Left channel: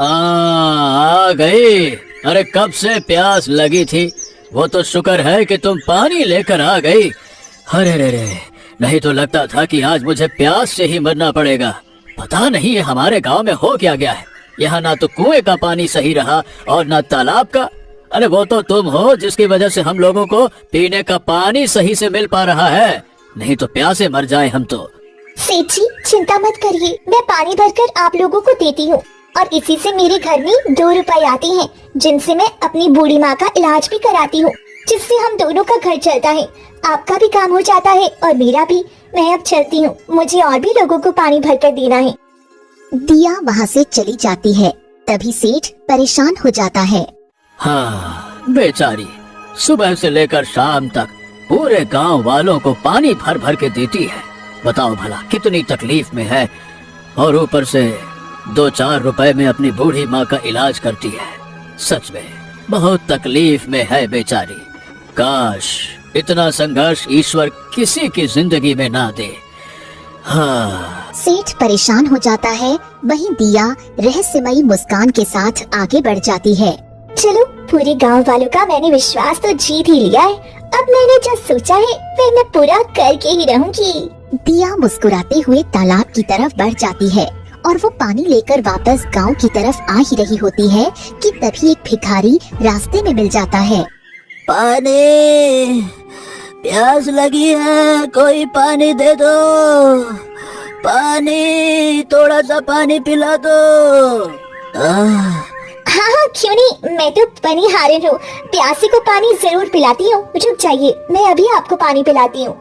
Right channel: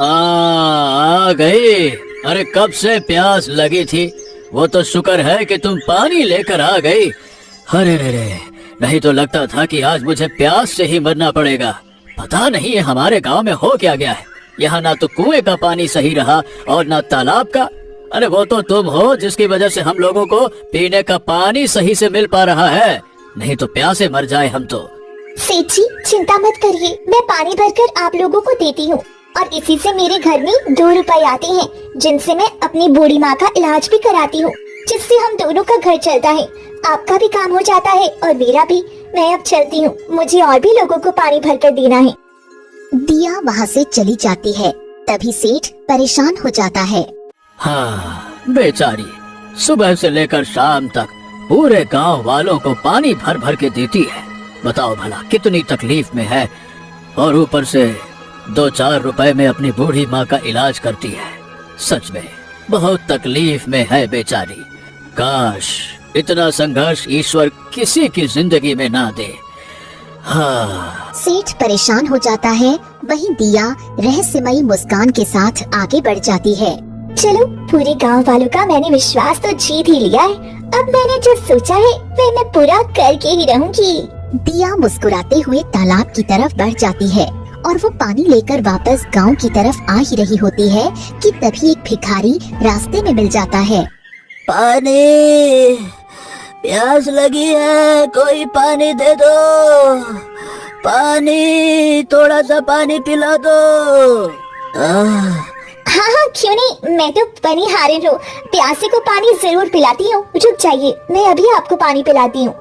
आ गई। अरे कब से प्यास लगी थी, वो तो शुक्र है कि तुम पानी लेकर आ गई। अरे रे रे, नहीं तो लगता था कि आज मुझे प्यास से ही मरना पड़ेगा। पता नहीं ये हमारे गांव में हो क्या गया है। यहाँ ना तो कुएं का पानी सही रहा और ना तालाब का। अरे वो तो तुम हो जिसकी वजह से हम लोगों को पीने का पानी सही से मिल पा रहा है, नहीं तो प्यासे मर जाए हम तो। सेठ जी चिंता मत करिए, मैं पानी भरकर आप लोगों को देती हूँ और इसी से मेरे घर में 2 रुपए आते हैं, जिनसे मैं अपनी बूढ़ी माँ का इलाज भी कराती हूँ, जिससे हम दोनों का घर चलता है। आपका भी काम हो जाता है और मेरा भी। मैं अब चलती हूँ, मुझे और भी लोगों को पानी भरकर देना है। दिया वहाँ से चली जाती है। तभी सेठ परेशान हो जाता है। हाँ बेचारी, सुबह से लेकर शाम तक पूरे गांव वालों को पानी भर भर के देती है। बताओ भला कितनी तकलीफ में है, और ऊपर से 2-4 रुपए में अपनी बूढ़ी माँ का इलाज करती है। सच में बहुत तकलीफ में है बेचारी। काश इतना संघर्ष ईश्वर किसी की जिंदगी में ना दे। हाँ। सेठ परेशान हो जाता है। वहीं दिया रहस्यमयी मुस्कान के साथ आगे बढ़ जाती है। चलो, पूरे गांव वालों का मैंने विश्वास तो जीत ही लिया है। अब मैंने जो सोचा है वह मैं पूरा करके ही रहूंगी। दिया मुस्कुराते हुए तालाब की तरफ बढ़ जाती है और वो पानी लेकर वापस गांव की तरफ आ ही रही होती है कि तभी एक भिखारी रास्ते में मिल जाता है। पानी, प्यास लगी है, कोई पानी दे दो। पानी, थोड़ा सा पानी पिला दो। हाँ, क्यों नहीं, मैं तो बनिहारिन हूँ, प्यासे को पानी जरूर पिलाती हूँ। रुक जाइए, मैं अभी आपको पानी पिलाती हूँ।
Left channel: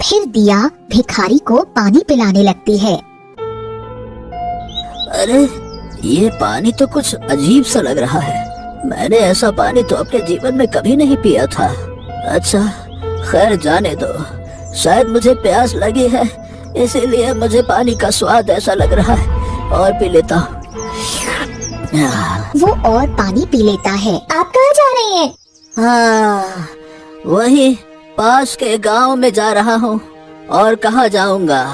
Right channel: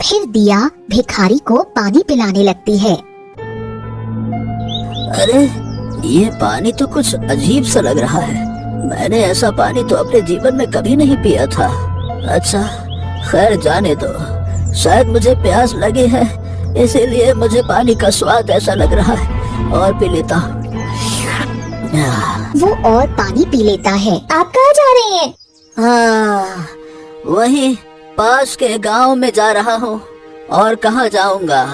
फिर दिया भिखारी को पानी पिलाने लगती है। अरे ये पानी तो कुछ अजीब सा लग रहा है। मैंने ऐसा पानी तो अपने जीवन में कभी नहीं पिया था। अच्छा खैर जाने दो, शायद मुझे प्यास लगी है इसीलिए मुझे पानी का स्वाद ऐसा लग रहा है, और पी लेता हूँ। वो और पानी पी लेता है। आप कहाँ जा रही हैं? हाँ, वही पास के गांव में जा रहा हूँ, और कहाँ जाऊँगा।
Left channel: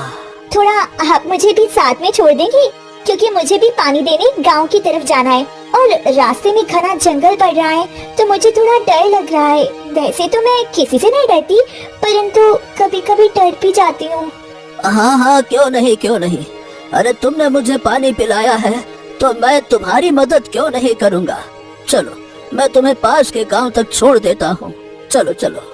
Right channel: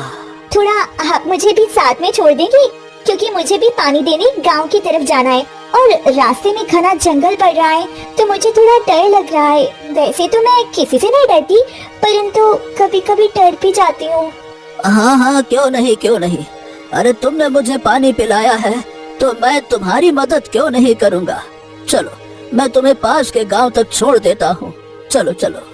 थोड़ा आप मुझे भी साथ में छोड़ देंगी, क्योंकि मुझे भी पानी देने गांव की तरफ जाना है और रास्ते में घना जंगल पड़ रहा है, तो मुझे थोड़ा डर लग रहा है। वैसे तो मैं किसी से नहीं डरती, परंतु कभी कभी डर भी जाती हूँ। हाँ हाँ, क्यों नहीं। अरे तुमने मुझे पानी पिलाया है तो मैं तुम्हारी मदद क्यों नहीं करूँगा। चलो मैं तुम्हें पास के गांव तक छोड़ देता हूँ, चलो चलो।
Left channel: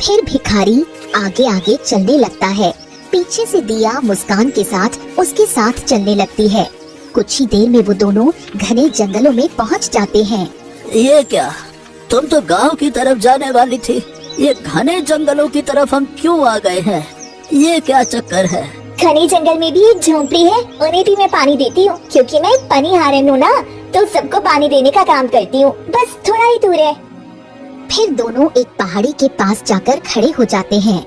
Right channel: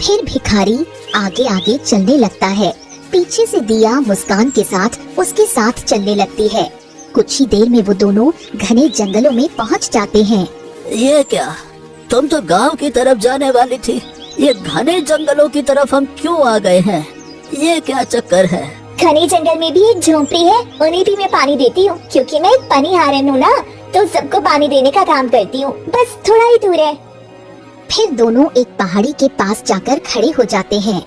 फिर भिखारी आगे आगे चलने लगता है। पीछे से दिया मुस्कान के साथ उसके साथ चलने लगती है। कुछ ही देर में वो दोनों घने जंगलों में पहुंच जाते हैं। ये क्या, तुम तो गांव की तरफ जाने वाली थी, ये घने जंगलों की तरफ हम क्यों आ गए हैं? ये क्या चक्कर है? घने जंगल में भी एक झोंपड़ी है, उन्हें भी मैं पानी देती हूँ, क्योंकि मैं एक बनिहारिन हूँ ना, तो सबको पानी देने का काम करती हूँ। बस थोड़ा ही दूर है। फिर दोनों एक पहाड़ी के पास जाकर खड़े हो जाते हैं।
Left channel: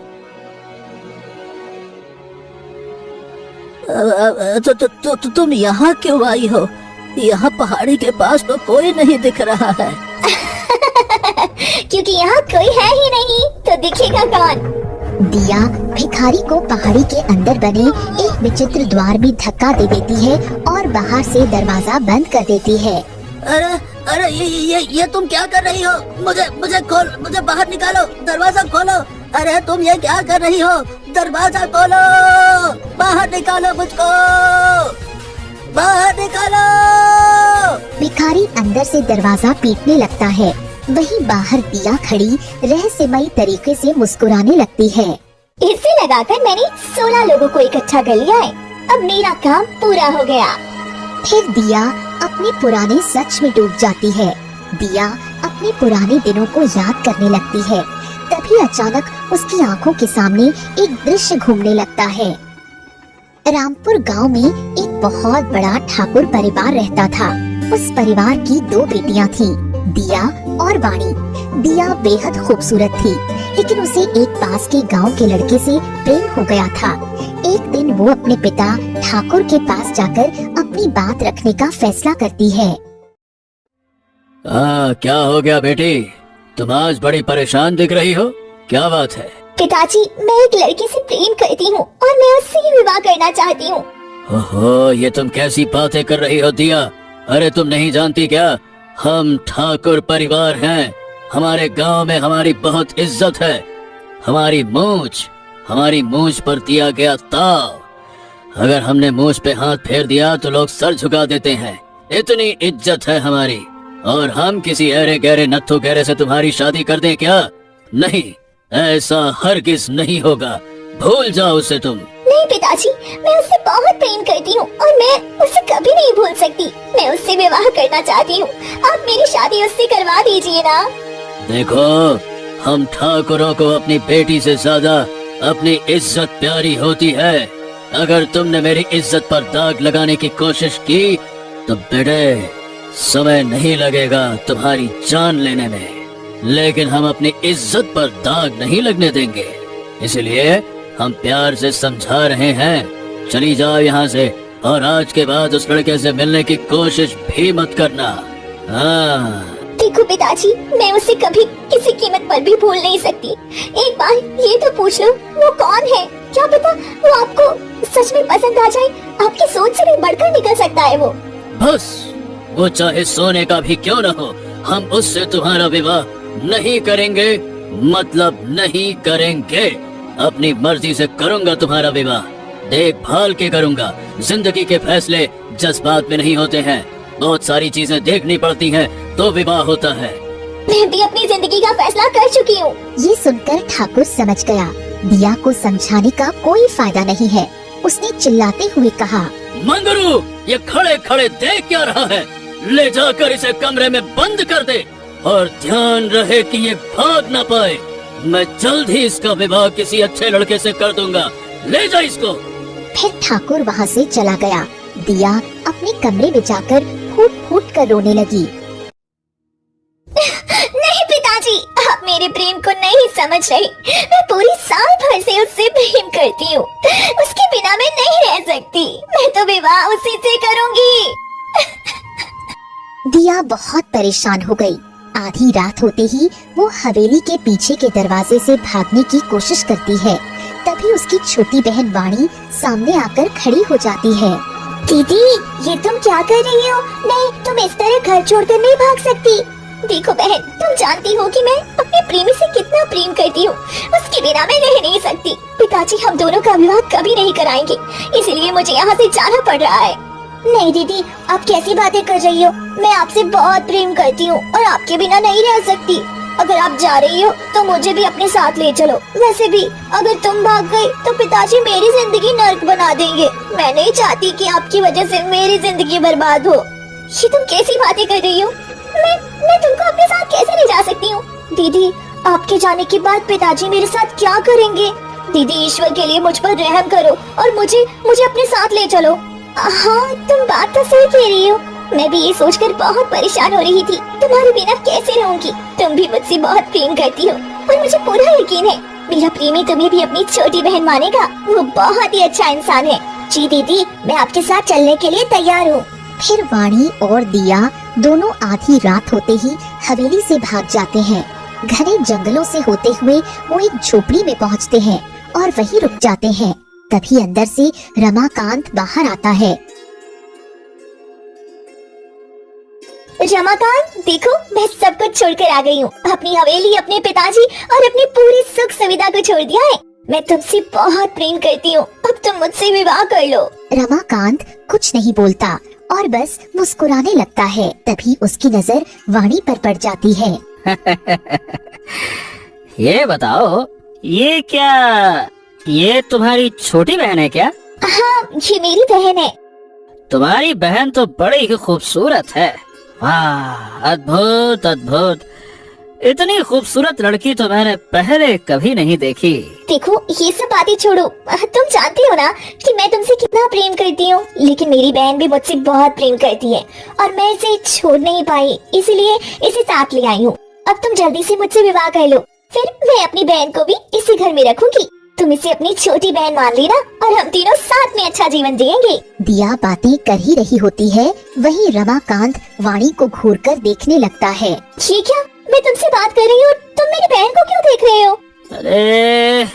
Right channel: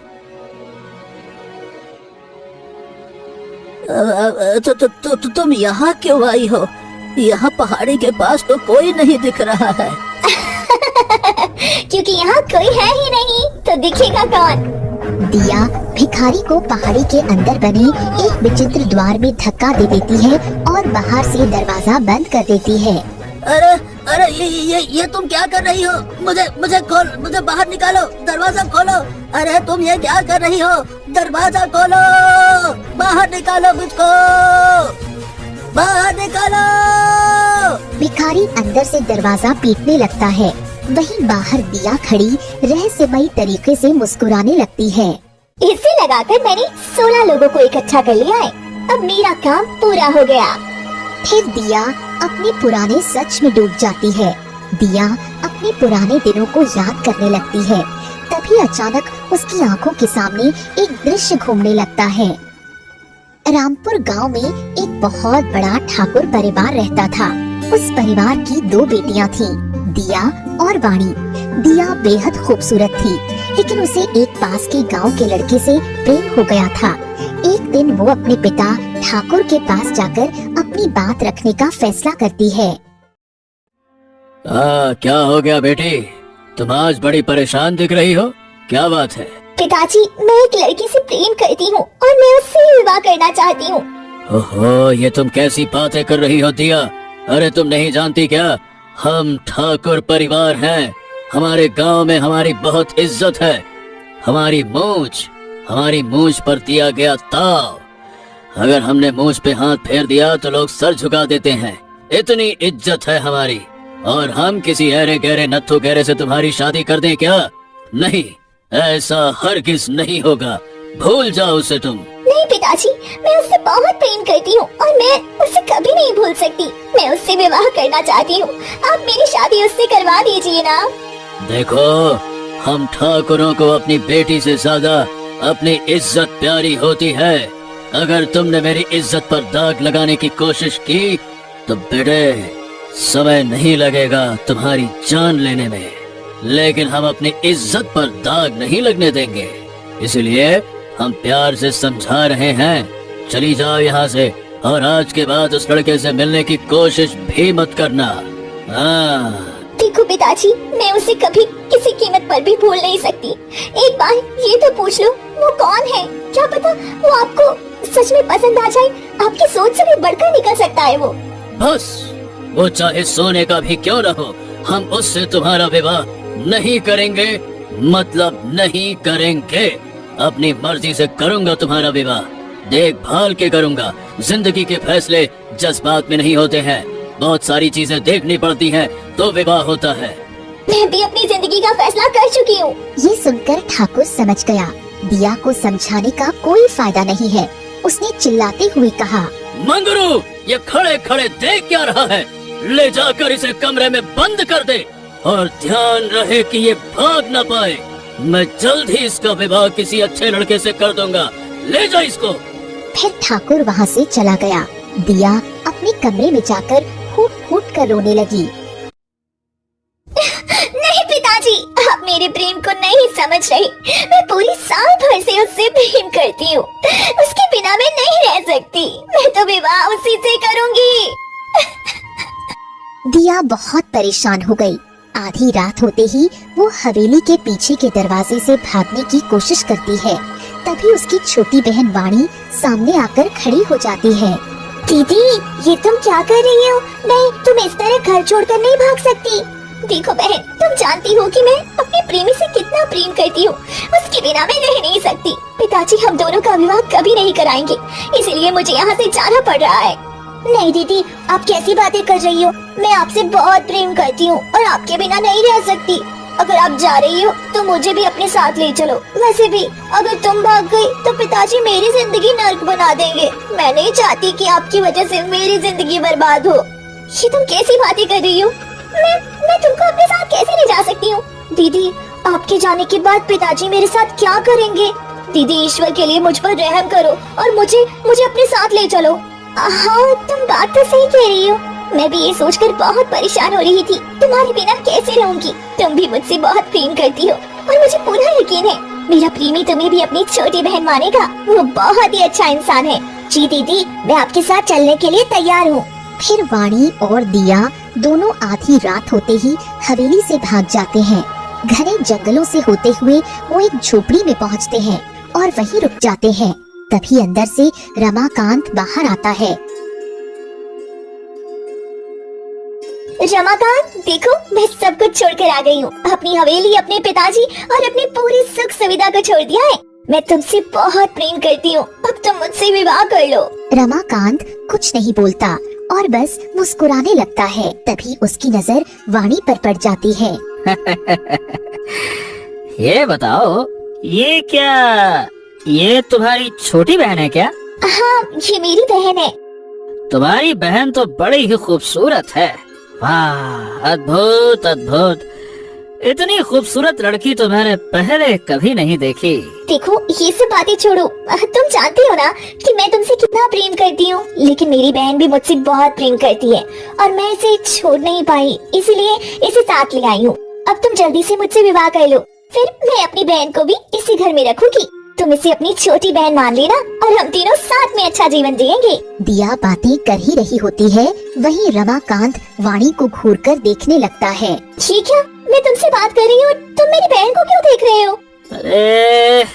तुम यहाँ क्यों आई हो? यहाँ पहाड़ी के पास तो कोई नहीं दिख रहा है। क्योंकि यहाँ कोई है ही नहीं, तो दिखेगा कौन? दिया भिखारी को पहाड़ी के अंदर बने एक विचित्र द्वार में धक्का दे देती है और बाहर से दरवाजा बंद कर देती है। अरे अरे ये तुम क्या कर रही हो? मुझे बाहर निकालो, दरवाजा खोलो। अरे तुम ये क्या कर रही हो? दरवाजा खोलो, बाहर निकालो मुझको, बाहर निकालो। भिखारी अंदर से दरवाजा पीटने लगता है। वहीं बाहर दिया खड़ी रहस्यमयी तरीके से मुस्कुराने लगती है। इसे लगाकर मैंने 16 लोगों को इकट्ठा कर लिया है। अब मेरा काम पूरा हो गया। फिर दिया अपने पुराने सच में डूब जाती है। दिया अपने पुराने दिनों को याद करने लगती है। तभी अचानक उसकी आंखों के सामने एक दृश्य घूमने लगता है। रामपुर गांव में एक बहुत बड़ा ठाकुर परिवार रहता था। उस परिवार की 2 बेटियां थीं, दिया और वाणी। दिया बेहद खूबसूरत थी, लेकिन उसे एक पास के गांव के लड़के से प्रेम हो गया था। एक दिन वो अपने पिता ठाकुर के पास जाकर अपनी बात रखने का फैसला करती है। क्या हो गया बेटी, तुम आज बड़ी परेशान दिख रही हो, क्या बात है? पिताजी, मैं एक लड़की से प्रेम करती हूँ और मैं उससे ही विवाह करना चाहती हूँ। ओहो, ये तुम कैसी बातें कर रही हो दिया? अरे तुम नहीं जानती क्या, हम ठाकुर परिवार हैं। हमारे गांव में हमारी बहुत इज्जत है। हमारी मूंछ पर दिया गया ताव, अगर हमने मूंछ पे हाथ फेर दिया तो लोग सर झुका देते हैं। इतनी इज्जत है हमारी, और हम किसी अरे गहरे नत्थु गहरे से तुम्हारी शादी कर दें क्या? नहीं, ऐसा हरगिज नहीं होगा, भूल जाओ उसे तुम। नहीं पिताजी, मैं उससे बहुत प्रेम करती हूँ और मैं उसे कभी नहीं भूल सकती। मैं उससे विवाह करना चाहती हूँ, आप मेरी शादी उससे करवा दीजिए ना। देखो, हम ठाकुरों को अपनी बेटी से ज्यादा अपनी इज्जत प्यारी होती है। अगर तुमने मेरी इज्जत पर दाग लगाने की कोशिश की तो बेटे समय नहीं लगेगा तुम्हारी जान लेने में, लेकिन हम अपनी इज्जत पर दाग नहीं लगने देंगे। इसलिए हम प्यार से समझा रहे हैं, चली जाओ यहाँ से, और आज के बाद उस लड़के से मिलने की कोशिश भी मत करना। हाँ। देखो पिताजी, मैं उसे कभी किसी कीमत पर भी भूल नहीं सकती। एक बार ये तो पूछ लो, वो कौन है? क्या पता वो आपको सच में पसंद आ जाए। आपकी सोच से भी बढ़कर निकल सकता है वो। बस, वो चाहे सोने का भी क्यों न हो, हम उससे तुम्हारा विवाह नहीं करेंगे, मतलब नहीं करेंगे। अपनी मर्जी से करूंगा तुम्हारा विवाह, देखभाल के करूंगा। जिंदगी के फैसले जज्बात में नहीं होते हैं, बहुत सारी चीजें देखनी पड़ती हैं तो विवाह होता है। मैं भी अपनी जिंदगी का फैसला कर चुकी हूँ। ये सुनकर ठाकुर समझ गया दिया को समझाने का कोई फायदा नहीं है। उसने चिल्लाते हुए कहा, मंगरू, ये खड़े खड़े देख क्या रहा है? ले जाकर इसे कमरे में बंद कर दे, और ध्यान रहे कि ये भाग न पाए। मैं जल्द ही इसका विवाह किसी अच्छे लड़के से कर दूंगा, ले जा इसको। फिर ठाकुर वहाँ से चला गया। दिया अपने कमरे में जाकर फूट फूट कर रोने लगी। नहीं पिताजी, आप मेरे प्रेम को नहीं समझ रही। मैं पूरी साल भर से उससे प्रेम करती हूँ, उसके बिना मैं नहीं रह सकती। मैं तो विवाह उसी से करूँगी। दिया बहुत परेशान हो गई। आधी रात होते ही वो हवेली के पीछे के दरवाजे से भागने की कोशिश करती है। तभी उसकी छोटी बहन वाणी सामने आकर खड़ी हो जाती है। दीदी, ये तुम क्या कर रही हो? नहीं, तुम इस तरह घर छोड़कर नहीं भाग सकती। देखो बहन, तुम जानती हो कि मैं अपने प्रेमी से कितना प्रेम करती हूँ, उसके बिना मैं रह नहीं सकती। पिताजी हम दोनों का विवाह कभी नहीं कराएंगे, इसलिए मुझे यहाँ से जाना पड़ रहा है। नहीं दीदी, आप कैसी बातें कर रही हो? मैं आपसे बहुत प्रेम करती हूँ और आपके बिना नहीं रह सकती। अगर आप जा रही हो तो मुझे भी अपने साथ ले चलो। वैसे भी अगर तुम भाग गई तो पिताजी मेरी जिंदगी नर्क बना देंगे। मैं नहीं चाहती कि आपकी वजह से मेरी जिंदगी बर्बाद हो। ये तुम कैसी बातें कर रही हो? मैं तुमको अपने साथ कैसे ले जा सकती हूँ? दीदी, आपके जाने के बाद पिताजी मेरे साथ क्या करेंगे? दीदी, ईश्वर के लिए मुझ पर रहम करो और मुझे अपने साथ ले चलो। हाँ, तुम बात तो सही कह रही हो। मैं भी ये सोचकर बहुत परेशान हो रही थी, तुम्हारे बिना कैसे रहूंगी। तुम भी मुझसे बहुत प्रेम करती हो और मुझे पूरा यकीन है मेरा प्रेमी तुम्हें भी अपनी छोटी बहन मानेगा। वो बहुत ही अच्छा इंसान है। जी दीदी, मैं आपके साथ चलने के लिए तैयार हूँ। फिर वाणी और दिया दोनों आधी रात होते ही हवेली से भाग जाते हैं। घने जंगलों से होते हुए वो एक झोपड़ी में पहुंचते हैं और वहीं रुक जाते हैं। तभी अंदर से रमाकांत बाहर आता है। रमाकांत, देखो मैं सब कुछ छोड़कर आ गई हूँ। अपनी हवेली, अपने पिताजी और अपनी पूरी सुख सुविधा को छोड़ दिया है। मैं तुमसे बहुत प्रेम करती हूँ, अब तुम मुझसे विवाह कर लो। रमाकांत कुछ नहीं बोलता और बस मुस्कुराने लगता है। तभी उसकी नजर वाणी पर पड़ जाती है। ये बताओ, ये क्या, ये तुम्हारी छोटी बहन है क्या? हाँ, ये मेरी बहन है। तुम्हारी बहन तो बड़ी ही खूबसूरत है। वाह, अद्भुत अद्भुत, इतनी खूबसूरत लड़की तो मैंने पहले कभी नहीं देखी। देखो, ये सब बातें छोड़ो। तुम जानते हो ना कि मैं तुमसे कितना प्रेम करती हूँ, लेकिन मेरी बहन भी मुझसे बहुत प्रेम करती है और मैं इसे छोड़ नहीं पाई, इसलिए इसे साथ ले आई हूँ। अब तुम जल्दी से मुझसे विवाह कर लो, फिर मैं अपनी बहन को भी इसी घर में रखूंगी। तुम इसे अपनी छोटी बहन मान लेना और हम तीनों साथ में अच्छा जीवन जिएंगे। दिया बातें कर ही रही होती है, वहीं रमाकांत वाणी को घूरकर देखने लगता है। ये क्या, मैं तुमसे बात कर रही हूँ, तुम मेरी बहन को क्यों देख रहे हो? अरे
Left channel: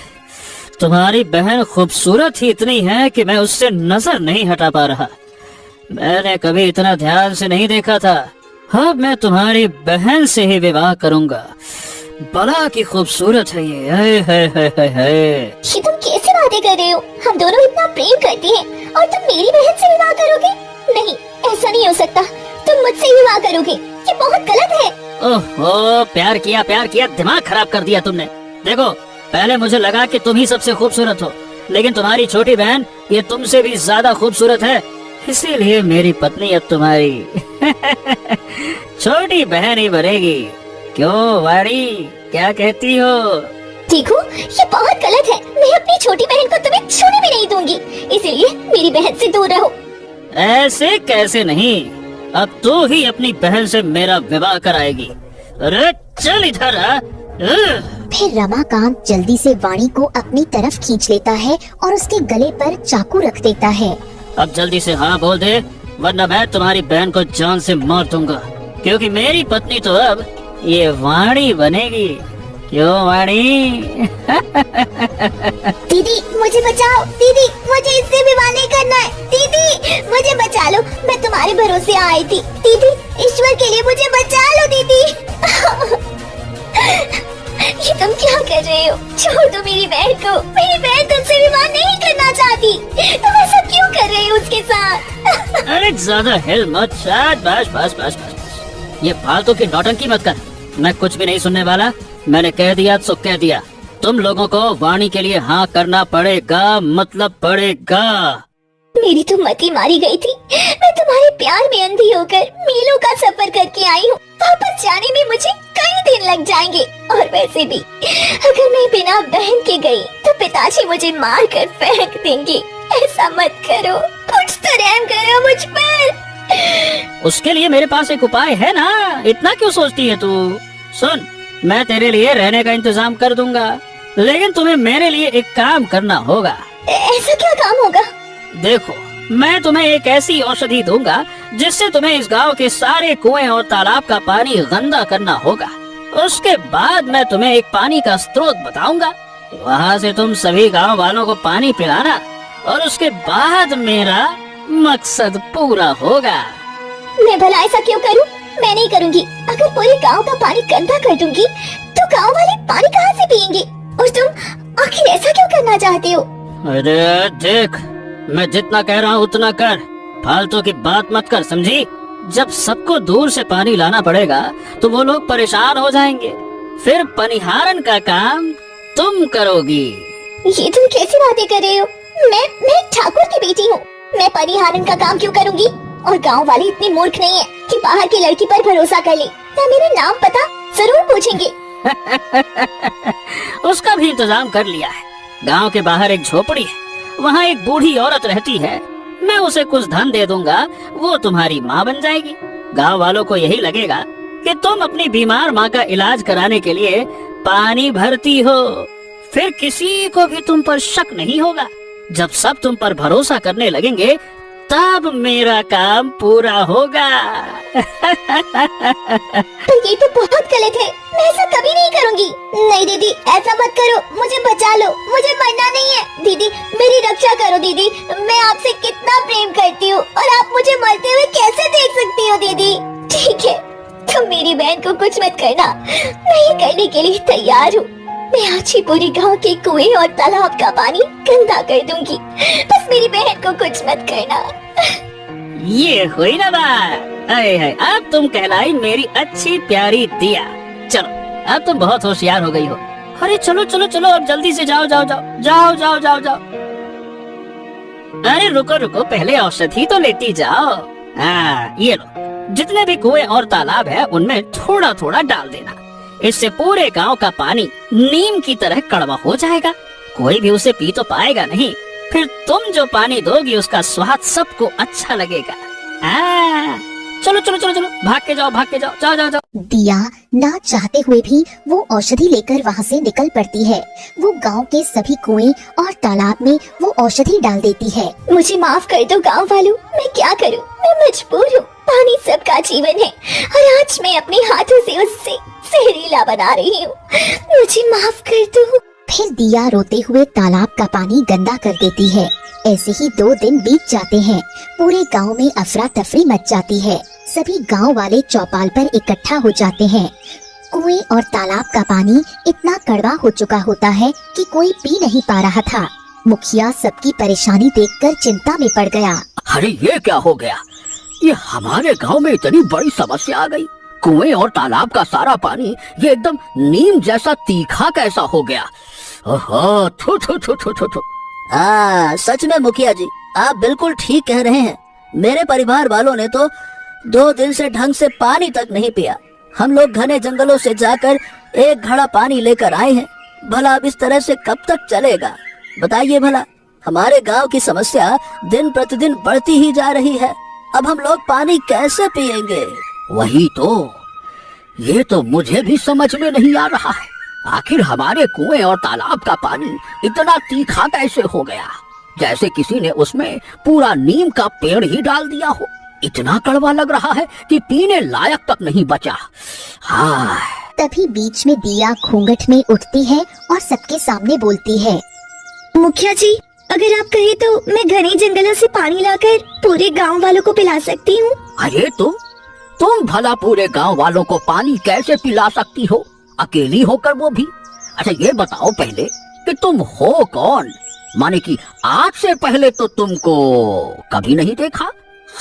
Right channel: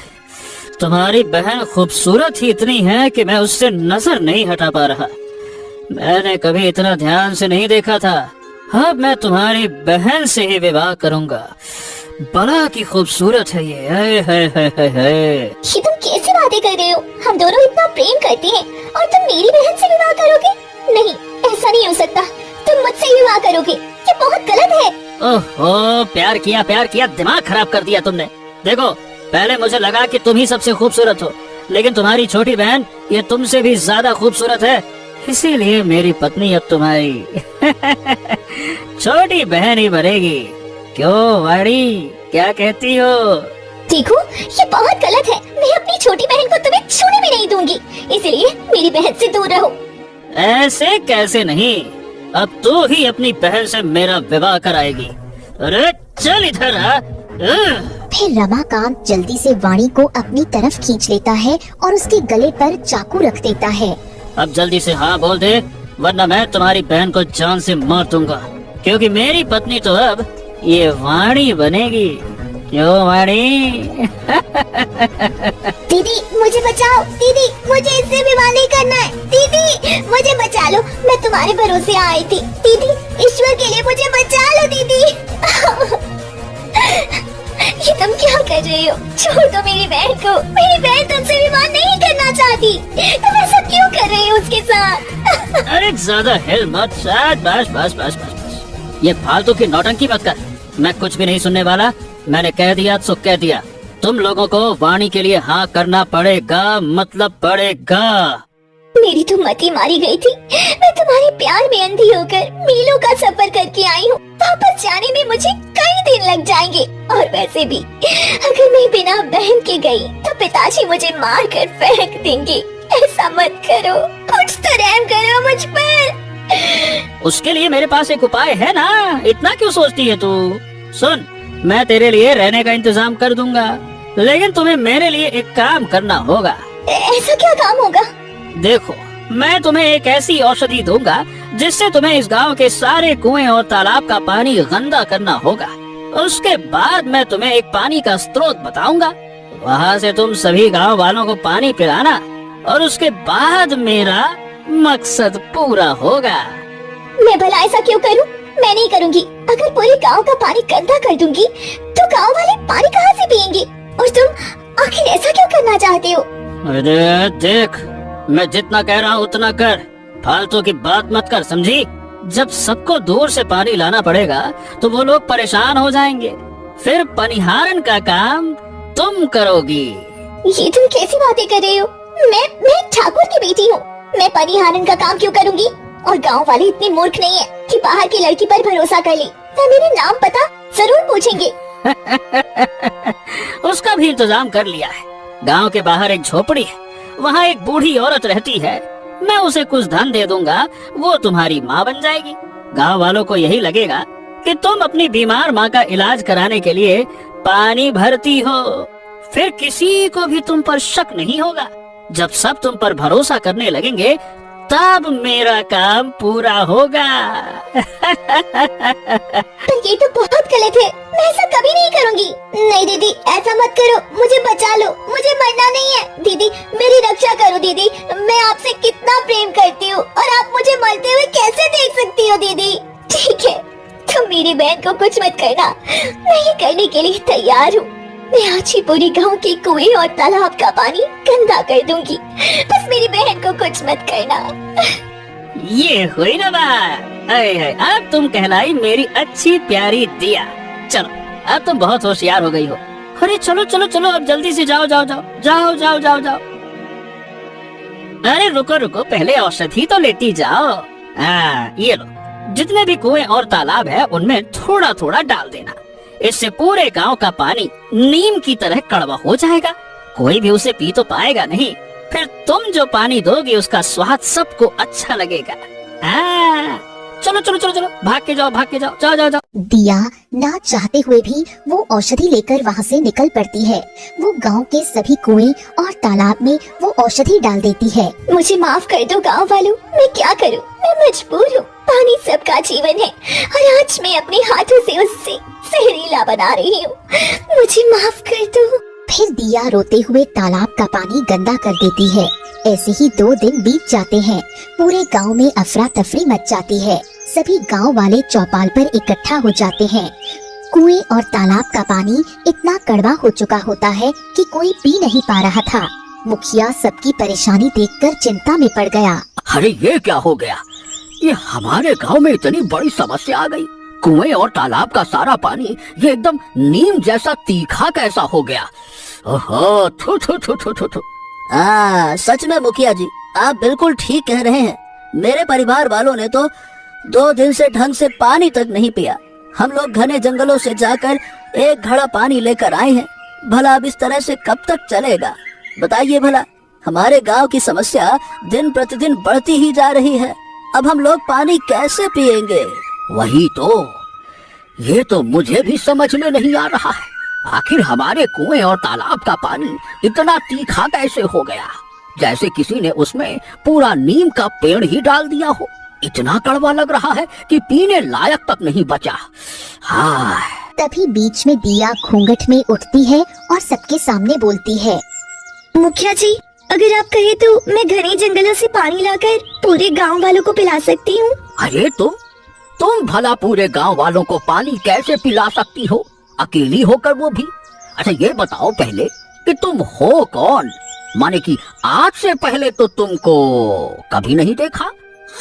तुम्हारी बहन खूबसूरत ही इतनी है कि मैं उससे नजर नहीं हटा पा रहा। मैंने कभी इतना ध्यान से नहीं देखा था। अब मैं तुम्हारी बहन से ही विवाह करूंगा। बड़ा की खूबसूरत है ये। ये तुम कैसे बातें कर रहे हो? हम दोनों इतना प्रेम करते हैं और तुम मेरी बहन से विवाह करोगे? नहीं, ऐसा नहीं हो सकता। तुम मुझसे विवाह करोगे, ये बहुत गलत है। ओहो, प्यार किया, दिमाग खराब कर दिया तुमने। देखो, पहले मुझे लगा कि तुम ही सबसे खूबसूरत हो, लेकिन तुम्हारी छोटी बहन ये तुमसे भी ज्यादा खूबसूरत है। इसीलिए मेरी पत्नी अब तुम्हारी छोटी बहन ही बनेगी। क्यों वाणी, क्या कहती हो? देखो, ये बहुत गलत है। मैं अपनी छोटी बहन को तुम्हें छूने भी नहीं दूंगी, इसलिए मेरी बहन से दूर रहो। ऐसे कैसे नहीं, अब तू ही अपनी बहन से मेरा विवाह कराएगी। अरे चल इधर आ। फिर रमाकांत जल्दी से वाणी को अपनी तरफ खींच लेता है और उसके गले पर चाकू रख देता है। अब जल्दी से हाँ बोल दे, वरना मैं तुम्हारी बहन को जान से मार दूंगा, क्योंकि मेरी पत्नी तो अब ये वाणी बनेगी। क्यों वाणी? दीदी मुझे बचाओ, दीदी मुझे इससे विवाह नहीं करना है। दीदी मुझे बचा लो, मैं तुम्हारे भरोसे आई थी। दीदी, ईश्वर के लिए मुझे बचा लो दीदी। ये तुम क्या कर रहे हो? छोड़ दो मेरी बहन को। मेरी बहन तुमसे विवाह नहीं करना चाहती। तुम ऐसा क्यों कर रहे हो उसके साथ? अरे ज्यादा हिल मत। बस। ये फालतू की नौटंकी मत कर। मैं कुछ भी नहीं सुनने वाला। मैंने कह दिया तो कह दिया। तुम लोगों को वाणी के लिए हाँ करना पड़ेगा, मतलब पड़ेगा। मेरी तो मती मारी गई थी। मैं तुम्हारे प्यार में अंधी होकर मीलों का सफर करके आई हूँ। वापस जाने में मुझे कई दिन लग जाएंगे, और वैसे भी अगर मैं बिना बहन के गई तो पिताजी मुझे मार कर फेंक देंगे। ऐसा मत करो, कुछ तो रहम करो मुझ पर। उसके लिए मेरे पास एक उपाय है ना, इतना क्यों सोचती है तू? सुन, मैं तेरे लिए रहने का इंतजाम कर दूंगा, लेकिन तुम्हें मेरे लिए एक काम करना होगा। ऐसा क्या काम होगा? देखो, मैं तुम्हें एक ऐसी औषधि दूंगा जिससे तुम्हें इस गांव के सारे कुएं और तालाब का पानी गंदा करना होगा। उसके बाद मैं तुम्हें एक पानी का स्रोत बताऊंगा, वहाँ से तुम सभी गांव वालों को पानी पिलाना, और उसके बाद मेरा मकसद पूरा होगा। मैं भला ऐसा क्यों करूं? मैं नहीं करूंगी। अगर पूरे गांव का पानी गंदा कर दूंगी तो गांव वाले पानी कहाँ से पियेंगे? और तुम आखिर ऐसा क्यों करना चाहते हो? अरे देख, मैं जितना कह रहा हूँ उतना कर, फालतू की बात मत कर, समझी? जब सबको दूर से पानी लाना पड़ेगा तो वो लोग परेशान हो जाएंगे, फिर पनिहारन का काम तुम करोगी। ये तुम कैसी बातें कर रहे हो? मैं ठाकुर की बेटी हूँ। मैं पनिहारन का काम क्यों करूँगी? और गांव वाले इतने मूर्ख नहीं है कि बाहर की लड़की पर भरोसा कर ले। तो मेरे नाम पता जरूर पूछेंगे। उसका भी इंतजाम कर लिया है। गांव के बाहर एक झोपड़ी है, वहाँ एक बूढ़ी औरत रहती है। मैं उसे कुछ धन दे दूंगा, वो तुम्हारी माँ बन जाएगी। गांव वालों को यही लगेगा कि तुम अपनी बीमार माँ का इलाज कराने के लिए पानी भरती हो, फिर किसी को भी तुम पर शक नहीं होगा। जब सब तुम पर भरोसा करने लगेंगे तब मेरा काम पूरा होगा। पर ये तो बहुत गलत है, मैं ऐसा कभी नहीं करूँगी। नहीं दीदी, ऐसा मत करो, मुझे बचा लो, मुझे मरना नहीं है। दीदी मेरी रक्षा करो दीदी, मैं आपसे कितना प्रेम करती हूँ और आप मुझे मरते हुए कैसे देख सकती हो दीदी? ठीक है, तुम मेरी बहन को कुछ मत करना, मैं ये करने के लिए तैयार हूँ। मैं आज ही पूरी गांव के कुएं और तालाब का पानी गंदा कर दूंगी, बस मेरी बहन को कुछ मत करना। ये हुई ना बात। अरे अब तुम कहलाई मेरी अच्छी प्यारी दिया। चलो, अब तुम बहुत होशियार हो गई हो। अरे चलो चलो चलो, अब जल्दी से जाओ जाओ जाओ जाओ जाओ जाओ जाओ। अरे रुको रुको, पहले औषधि तो लेती जाओ। हाँ, ये लो, जितने भी कुएं और तालाब है उनमें थोड़ा थोड़ा डाल देना। इससे पूरे गांव का पानी नीम की तरह कड़वा हो जाएगा, कोई भी उसे पी तो पाएगा नहीं। फिर तुम जो पानी दोगी उसका स्वाद सबको अच्छा लगेगा। चलो चलो चलो चलो, भाग के जाओ जाओ जाओ जाओ। दिया ना चाहते हुए भी वो औषधि लेकर वहाँ से निकल पड़ती है। वो गांव के सभी कुएं और तालाब में वो औषधि डाल देती है। मुझे माफ कर दो गांव वालों, मैं क्या करूं, मैं मजबूर हूँ। पानी सबका जीवन है और आज मैं अपने हाथों से उससे जहरीला बना रही हूँ। मुझे माफ कर दो। फिर दिया रोते हुए तालाब का पानी गंदा कर देती है। ऐसे ही 2 दिन बीत जाते हैं। पूरे गांव में अफरा तफरी मच जाती है। सभी गांव वाले चौपाल पर इकट्ठा हो जाते हैं। कुएं और तालाब का पानी इतना कड़वा हो चुका होता है कि कोई पी नहीं पा रहा था। मुखिया सबकी परेशानी देखकर चिंता में पड़ गया। अरे ये क्या हो गया? ये हमारे गांव में इतनी बड़ी समस्या आ गई। कुएं और तालाब का सारा पानी ये एकदम नीम जैसा तीखा कैसा हो गया? ओहो, थू थू थू थू थू थू। हाँ, सच में मुखिया जी, आप बिल्कुल ठीक कह रहे हैं। मेरे परिवार वालों ने तो 2 दिन से ढंग से पानी तक नहीं पिया। हम लोग घने जंगलों से जाकर 1 घड़ा पानी लेकर आए हैं। भला अब इस तरह से कब तक चलेगा? बताइए भला, हमारे गांव की समस्या दिन प्रतिदिन बढ़ती ही जा रही है। अब हम लोग पानी कैसे पिएंगे? वही तो, ये तो मुझे भी समझ में नहीं आ रहा है। आखिर हमारे कुएं और तालाब का पानी इतना तीखा कैसे हो गया, जैसे किसी ने उसमें पूरा नीम का पेड़ ही डाल दिया हो। इतना कड़वा लग रहा है कि पीने लायक तक नहीं बचा। हाँ। तभी बीच में दिया घूंघट में उठती है और सबके सामने बोलती है। मुखिया जी, अगर आप कहे तो मैं घने जंगलों से पानी लाकर पूरे गांव वालों को पिला सकती हूँ। अरे तुम भला पूरे गांव वालों को पानी कैसे पिला सकती हो, अकेली होकर वो भी? अच्छा ये बताओ पहले कि तुम हो कौन? माने कि आज से पहले तो तुमको कभी नहीं देखा।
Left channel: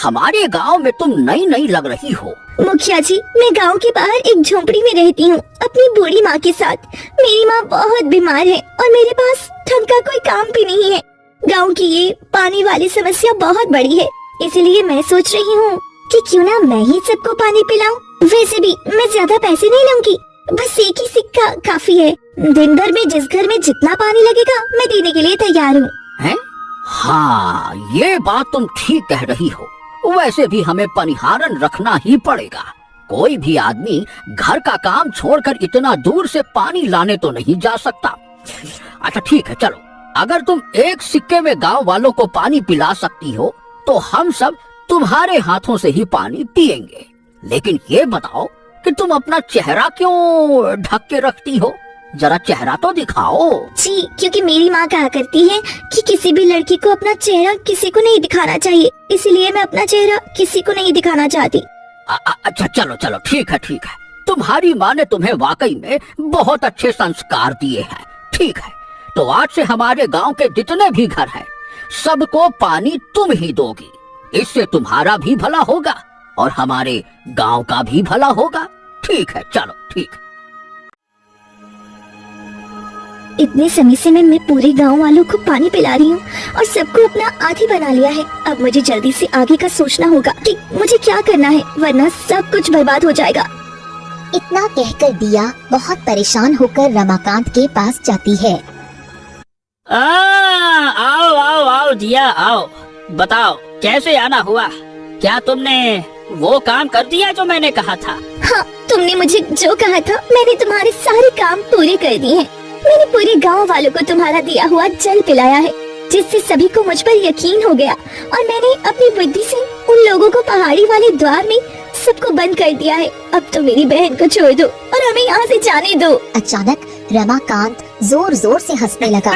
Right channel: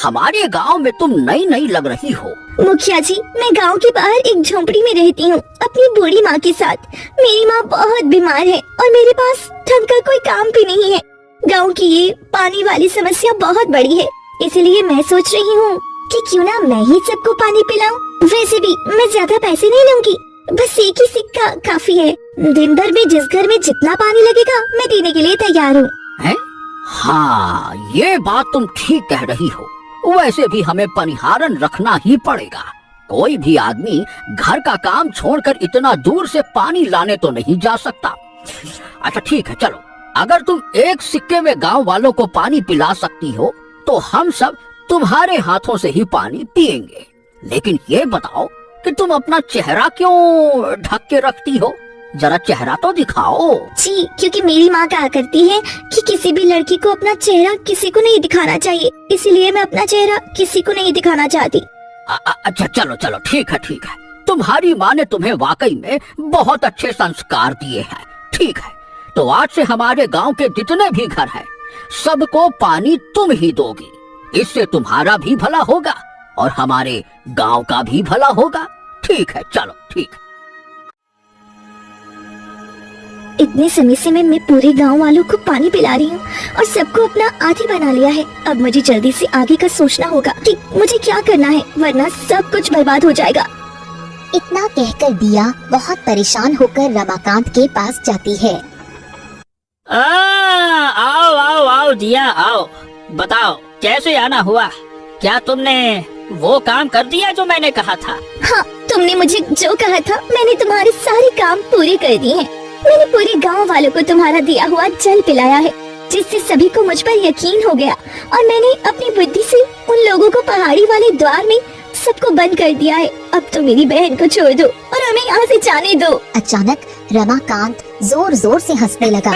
हमारे गांव में तुम नई नई लग रही हो। मुखिया जी, मैं गांव के बाहर एक झोंपड़ी में रहती हूँ अपनी बूढ़ी माँ के साथ। मेरी माँ बहुत बीमार है और मेरे पास ढंग का कोई काम भी नहीं है। गांव की ये पानी वाली समस्या बहुत बड़ी है, इसलिए मैं सोच रही हूँ कि क्यों ना मैं ही सबको पानी पिलाऊं। वैसे भी मैं ज्यादा पैसे नहीं लूंगी, बस 1 ही सिक्का काफी है। दिन भर में जिस घर में जितना पानी लगेगा मैं देने के लिए तैयार हूँ। हैं? हाँ, ये बात तुम ठीक कह रही हो। वैसे भी हमें पनिहारन रखना ही पड़ेगा। कोई भी आदमी घर का काम छोड़कर इतना दूर से पानी लाने तो नहीं जा सकता। अच्छा ठीक है, चलो, अगर तुम 1 सिक्के में गांव वालों को पानी पिला सकती हो तो हम सब तुम्हारे हाथों से ही पानी पिएंगे। लेकिन ये बताओ कि तुम अपना चेहरा क्यों ढक के रखती हो? जरा चेहरा तो दिखाओ। जी, क्योंकि मेरी माँ कहा करती है कि किसी भी लड़की को अपना चेहरा किसी को नहीं दिखाना चाहिए, इसीलिए मैं अपना चेहरा किसी को नहीं दिखाना चाहती। अच्छा चलो ठीक है। तुम्हारी माँ ने तुम्हें वाकई में बहुत अच्छे संस्कार दिए हैं। ठीक है, तो आज से हमारे गांव के जितने भी घर हैं, सबको पानी तुम ही दोगी। इससे तुम्हारा भी भला होगा और हमारे गांव का भी भला होगा। ठीक है, चलो ठीक है। इतने समय से मैं पूरे गांव वालों को पानी पिला रही हूँ और सबको अपना आदी बना लिया है। अब मुझे जल्दी से आगे का सोचना होगा कि मुझे क्या करना है, वरना सब कुछ बर्बाद हो जाएगा। इतना कहकर दिया बहुत परेशान होकर रमाकांत के पास जाती है। आओ दिया, आओ। बताओ कैसे आना हुआ? क्या तुमने वो काम कर दिया जो मैंने कहा था? हाँ, तुमने मुझे जो कहा था मैंने तुम्हारे सारे काम पूरे कर दिए हैं। मैंने पूरे गांव वालों को तुम्हारा दिया हुआ जल पिलाया है, जिससे सभी को मुझ पर यकीन हो गया और मैंने अपनी बुद्धि से उन लोगों को पहाड़ी वाले द्वार में सबको बंद कर दिया है। अब तो मेरी बहन को छोड़ दो और हमें यहाँ से जाने दो। अचानक रमाकांत जोर जोर से हंसने लगा।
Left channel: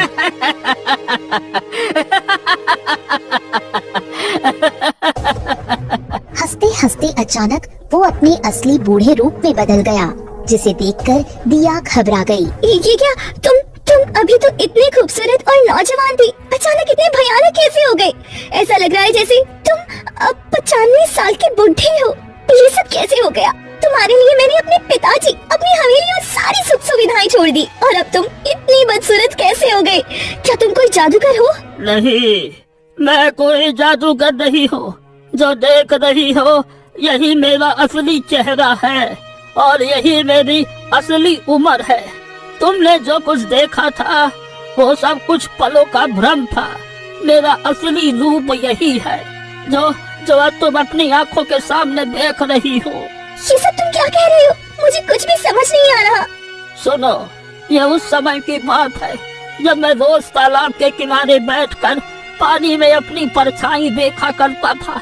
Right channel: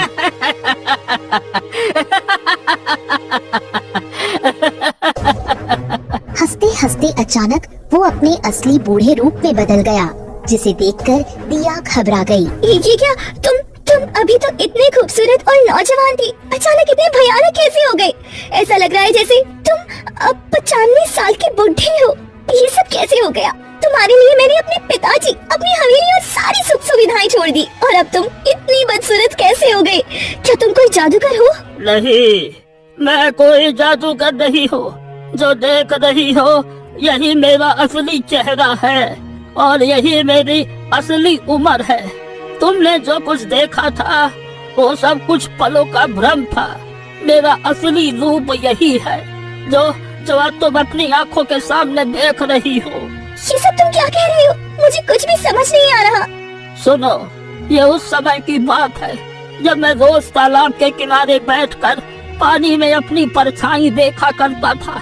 हंसते हंसते अचानक वो अपने असली बूढ़े रूप में बदल गया, जिसे देखकर दिया घबरा गई। ये क्या, तुम अभी तो इतने खूबसूरत और नौजवान थी, अचानक इतने भयानक कैसे हो गए? ऐसा लग रहा है जैसे तुम अब 95 साल की बुढ़ी हो। ये सब कैसे हो गया? तुम्हारे लिए मैंने अपने पिताजी, अपनी हवेली और सारी सुख सुविधाएं छोड़ दी और अब तुम इतनी बदसूरत कैसे हो गए? क्या तुम कोई जादूगर हो? नहीं, मैं कोई जादूगर नहीं हूँ। जो देख रही हो यही मेरा असली चेहरा है और यही मेरी असली उम्र है। तुमने जो कुछ देखा था वो सब कुछ पलों का भ्रम था। मेरा असली रूप यही है जो आज तुम अपनी आंखों के सामने देख रही हो। ये सब तुम क्या कह रहे हो? मुझे कुछ भी समझ नहीं आ रहा। सुनो, ये उस समय की बात है जब मैं रोज तालाब के किनारे बैठकर पानी में अपनी परछाई देखा करता था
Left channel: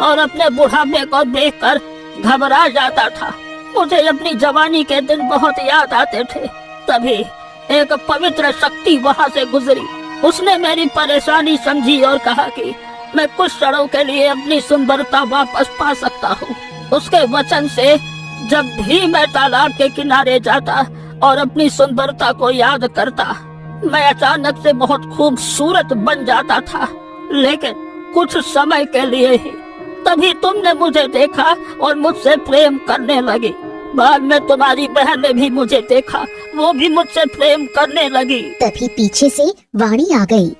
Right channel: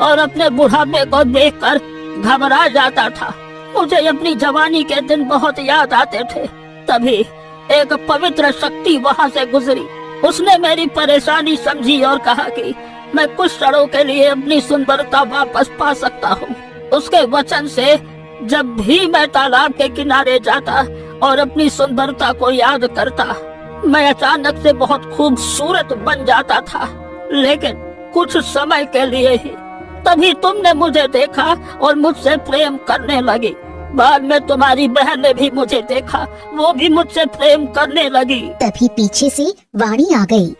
और अपने बुढ़ापे को देखकर घबरा जाता था। मुझे अपनी जवानी के दिन बहुत याद आते थे। तभी एक पवित्र शक्ति वहाँ से गुजरी। उसने मेरी परेशानी समझी और कहा कि मैं कुछ क्षणों के लिए अपनी सुंदरता वापस पा सकता हूँ। उसके वचन से जब भी मैं तालाब के किनारे जाता और अपनी सुंदरता को याद करता, मैं अचानक से बहुत खूबसूरत बन जाता था, लेकिन कुछ समय के लिए ही। तभी तुमने मुझे देखा और मुझसे प्रेम करने लगी। बाद में तुम्हारी बहन ने भी मुझे देखा, वो भी मुझसे प्रेम करने लगी। तभी पीछे से वाणी आ गई।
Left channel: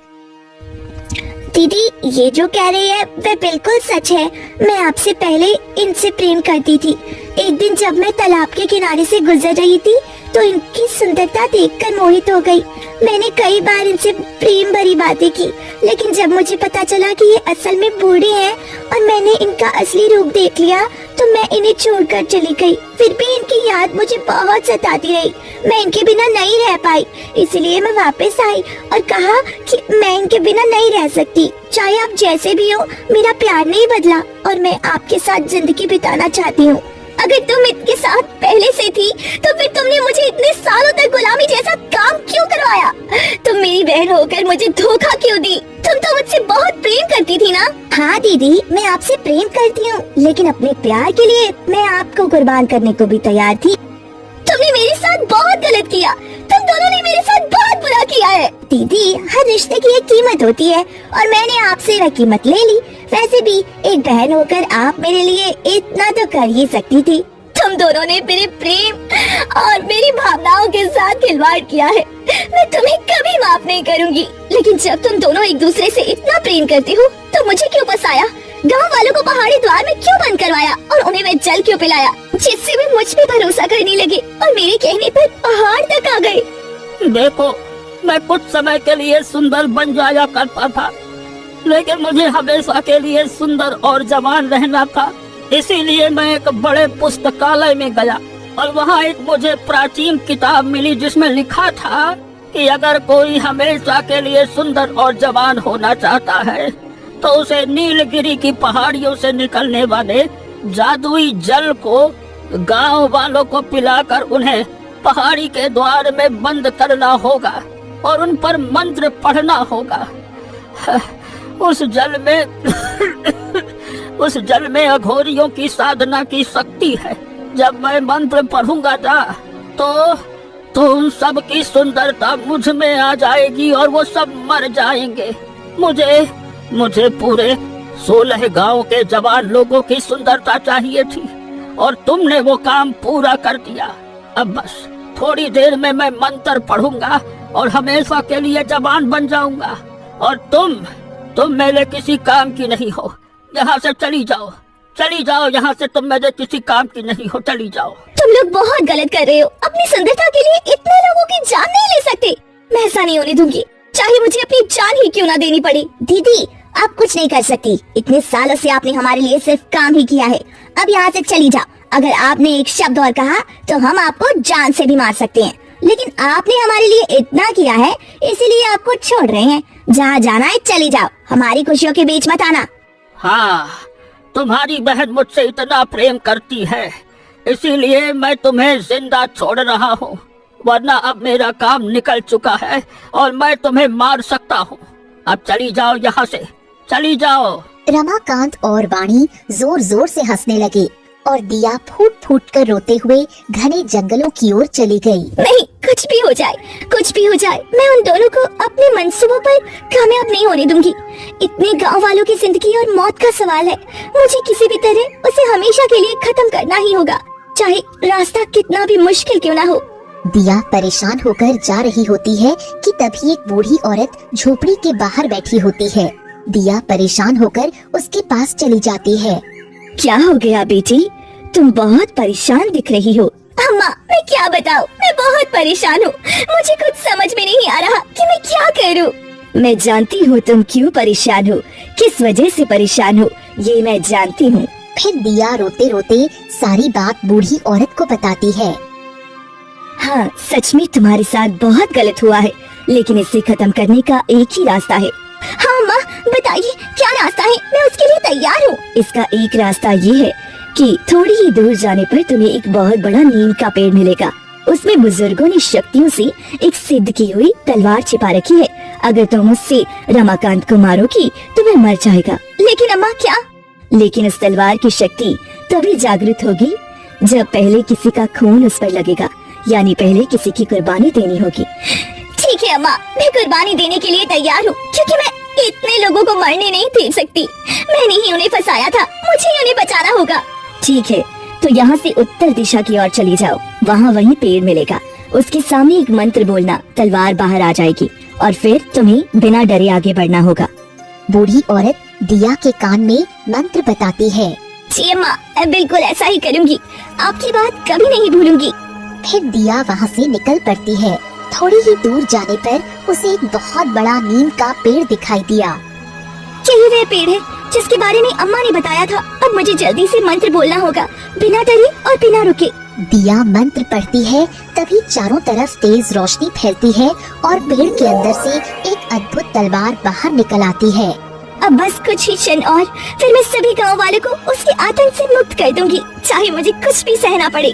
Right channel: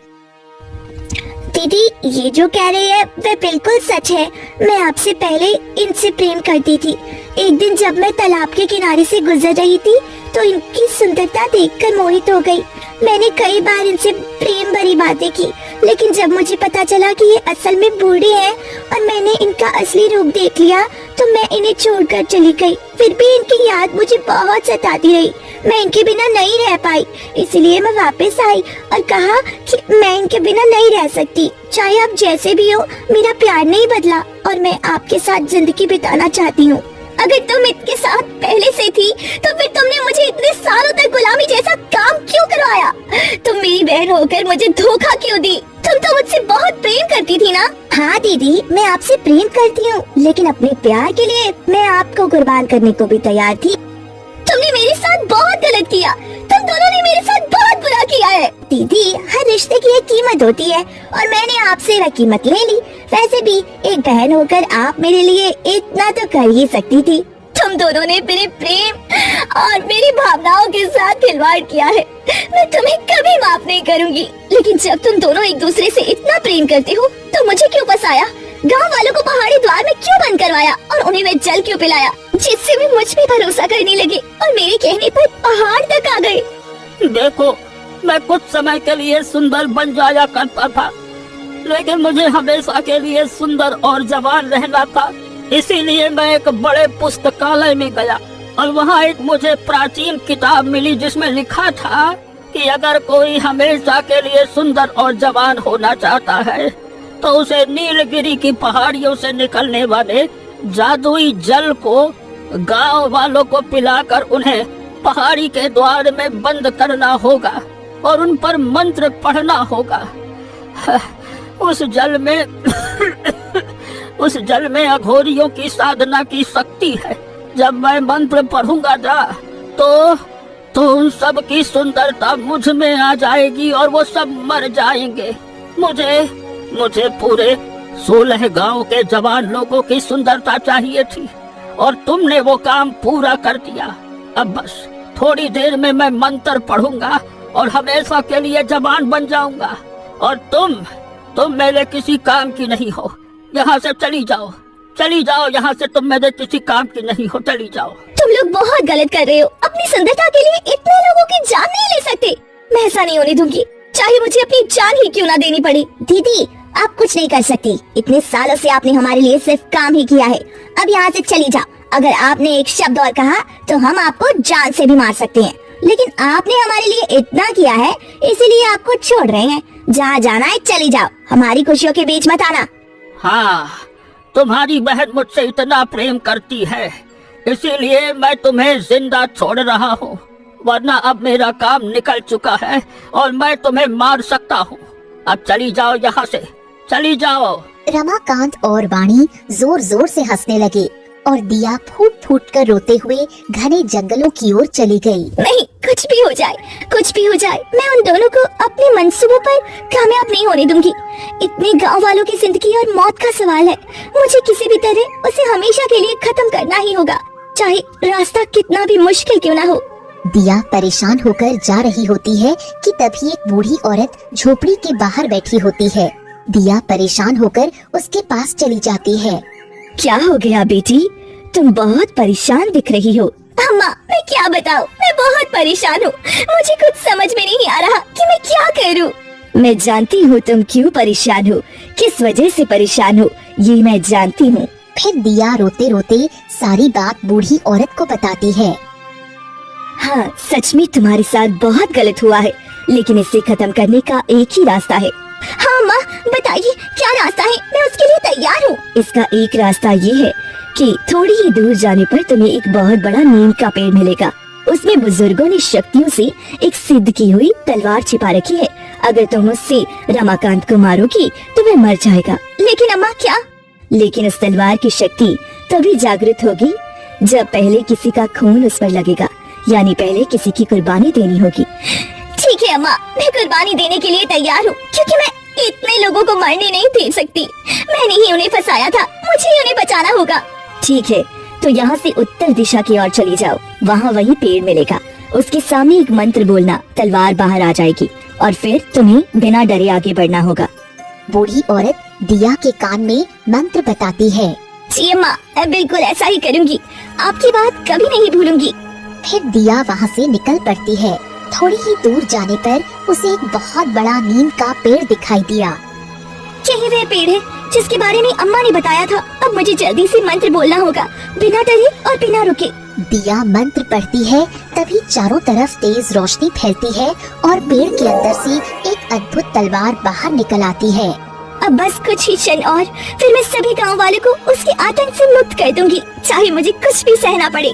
दीदी, ये जो कह रही है वे बिल्कुल सच है। मैं आपसे पहले इनसे प्रेम करती थी। एक दिन जब मैं तालाब के किनारे से गुजर रही थी तो इनकी सुंदरता देखकर मोहित हो गई। मैंने कई बार इनसे प्रेम भरी बातें की, लेकिन जब मुझे पता चला कि ये असल में बूढ़ी हैं और मैंने इनका असली रूप देख लिया तो मैं इन्हें छोड़कर चली गई। फिर भी इनकी याद मुझे बहुत सताती रही। मैं इनके बिना नहीं रह पाई, इसलिए मैं वापस आई और कहा कि मैं इनके बिना नहीं रह सकती। चाहे आप जैसे भी हो, मेरा प्यार नहीं बदला और मैं आपके साथ जिंदगी बिताना चाहती हूँ। अगर तुम इनके साथ पहले से थी तो फिर तुमने मुझे इतने सालों तक गुलामी जैसा काम क्यों करवाया? तुम मेरी बहन होकर मुझे धोखा क्यों दी? तुम तो मुझसे बहुत प्रेम करती थी ना? हाँ दीदी, मैं आपसे प्रेम करती हूँ, लेकिन अपने प्यार के लिए मैं आपको कुर्बान करने को भी तैयार थी। तुमने मेरे साथ बहुत गलत किया। तुम दोनों ने मेरे साथ बहुत बुरा किया है। दीदी, हर रिश्ते की एक कीमत होती है और मैंने आपसे वह कीमत ले ली। वैसे भी एक बहन होकर आप मेरे लिए इतना तो कर ही सकती थी। तुम दोनों ने मेरे प्रेम और मेरी भावनाओं के साथ खिलवाड़ किया है। मैं तुम्हें कभी माफ नहीं करूंगी। लेकिन जब तुम दोनों एक दूसरे से इतना प्रेम करते हो तो मुझे क्यों फंसाया? गांव वालों को पहाड़ी द्वार में क्यों बंद करवाया और उन्हें वे जल क्यों पिलाया, जिससे वे मुझ पे भरोसा करने लगे और मेरे कहने पर पहाड़ तक आ गए? देखो, मैं कुछ समय के लिए सुंदर बन जाया करता था, लेकिन मुझे हमेशा के लिए सुंदर और जवान रहना था। इसीलिए मैं एक बड़े पुस्तकालय में गया और वहाँ एक मुझे प्राचीन किताब मिली जिसमें लिखा था कि अगर कोई हमेशा के लिए सुंदर और जवान होना चाहता है तो उसे नीलगिरी की पहाड़ियों से निकलने वाले जादुई जल को गांव वालों को पिलाकर उन्हें पहाड़ी के द्वार में बंद करना होगा और उन पर मंत्र पढ़ना होगा। उस जल में अघोरियों की साधना की शक्ति है। जब मैं मंत्र पढ़ूंगा तो उन सब की सुंदरता मुझ में आ जाएगी और वो सब मर जाएंगे। मुझे पूरे 16 गांव के जवान लोगों की सुंदरता चाहिए थी और तुमने वो काम पूरा कर दिया। अब बस थोड़ी देर में मैं मंत्र पढ़ूंगा और हमेशा के लिए जवान बन जाऊंगा और तुम मेरे किसी काम की नहीं हो। यहाँ से चली जाओ यहाँ से। तुम मेरे किसी काम की नहीं हो, चली जाओ। तुम लोग बहुत गलत कर रहे हो। अपनी सुंदरता के लिए इतने लोगों की जान नहीं ले सकते। मैं ऐसा नहीं होने दूंगी, चाहे मुझे अपनी जान ही क्यों ना देनी पड़े। दीदी, आप कुछ नहीं कर सकती। इतने सालों से आपने हमारे लिए सिर्फ काम ही किया है। अब यहाँ से चली जाओ। अगर आपने एक शब्द और कहा तो हम आपको जान से भी मार सकते हैं, लेकिन आपने हमारे लिए इतना किया है इसीलिए आपको छोड़ रहे हैं। जहाँ जाना है चली जाओ, हमारी खुशियों के बीच मत आना। हाँ, तुम्हारी बहन मुझसे इतना प्रेम करती है, इसीलिए मैं तुम्हें जिंदा छोड़ रहा हूँ, वरना अब मेरा काम निकल चुका है और मैं तुम्हें मार सकता हूँ। अब चली जाओ यहाँ से, चली जाओ। रमाकांत और वाणी जोर जोर से हंसने लगे और दिया फूट फूट कर रोते हुए घने जंगलों की ओर चली गई। नहीं, कुछ भी हो जाए, मैं उन दोनों को अपने मंसूबों पर कामयाब नहीं होने दूंगी। इतने गांव वालों की जिंदगी और मौत का सवाल है। मुझे किसी भी तरह उसे हमेशा के लिए खत्म करना ही होगा, चाहे रास्ता कितना भी मुश्किल क्यों ना हो। दिया परेशान होकर जा रही होती है कि तभी एक बूढ़ी औरत झोपड़ी के बाहर बैठी होती है। दिया परेशान होकर उसके पास चली जाती है। क्या हो गया बेटी, तुम बहुत परेशान दिख रही हो। अम्मा, मैं क्या बताऊं, मैं बहुत परेशान हूँ। मुझे कुछ समझ में नहीं आ रहा कि मैं क्या करूँ। मैं जानती हूँ तुम क्यों परेशान हो, किस वजह से परेशान हो, ये मैं जानती हूँ। फिर दिया रोते रोते सारी बात बूढ़ी औरत को बताती है। हाँ, सच में तुम्हारे साथ बहुत गलत हुआ है, लेकिन इसे खत्म करने का एक ही रास्ता है। हाँ माँ, बताइए क्या रास्ता है, मैं उसके लिए तैयार हूँ। इसका एक रास्ता ये है कि थोड़ी ही दूर जाने पर तुम्हें एक बहुत बड़ा नीम का पेड़ मिलेगा। उसमें बुजुर्गों ने शक्तियों से एक सिद्ध की हुई तलवार छिपा रखी है। अगर तुम उससे रमाकांत को मारोगी तो वह मर जाएगा। लेकिन अम्मा क्या? लेकिन उस तलवार की शक्ति तभी जागृत होगी जब पहले किसी का खून उस पर लगेगा, यानी पहले किसी की कुर्बानी देनी होगी। ठीक है अम्मा, मैं कुर्बानी देने के लिए तैयार हूँ, क्योंकि मैं इतने लोगों को मरने नहीं दे सकती। मैंने ही उन्हें फंसाया था, मुझे ही उन्हें बचाना होगा। ठीक है, तो यहाँ से उत्तर दिशा की ओर चली जाओ, वहाँ वही पेड़ मिलेगा। उसके सामने एक मंत्र बोलना, तलवार बाहर आ जाएगी और फिर तुम्हें बिना डरे आगे बढ़ना होगा। बूढ़ी औरत दिया के कान में मंत्र बताती है। जी अम्मा, मैं बिल्कुल ऐसा ही करूँगी, आपकी बात कभी नहीं भूलूंगी। फिर दिया वहाँ से निकल पड़ती है। थोड़ी ही दूर जाने पर उसे एक बहुत बड़ा नीम का पेड़ दिखाई दिया। यही वह पेड़ है जिसके बारे में अम्मा ने बताया था। अब मुझे जल्दी से मंत्र बोलना होगा, बिना डरे और बिना रुके। दिया मंत्र पढ़ती है, तभी चारों तरफ तेज रोशनी फैलती है और पेड़ के अंदर से एक अद्भुत तलवार बाहर निकल आती है। अब बस कुछ ही क्षण और, फिर मैं सभी गांव वालों को उसके आतंक से मुक्त कर दूंगी, चाहे मुझे कुछ भी सहना पड़े।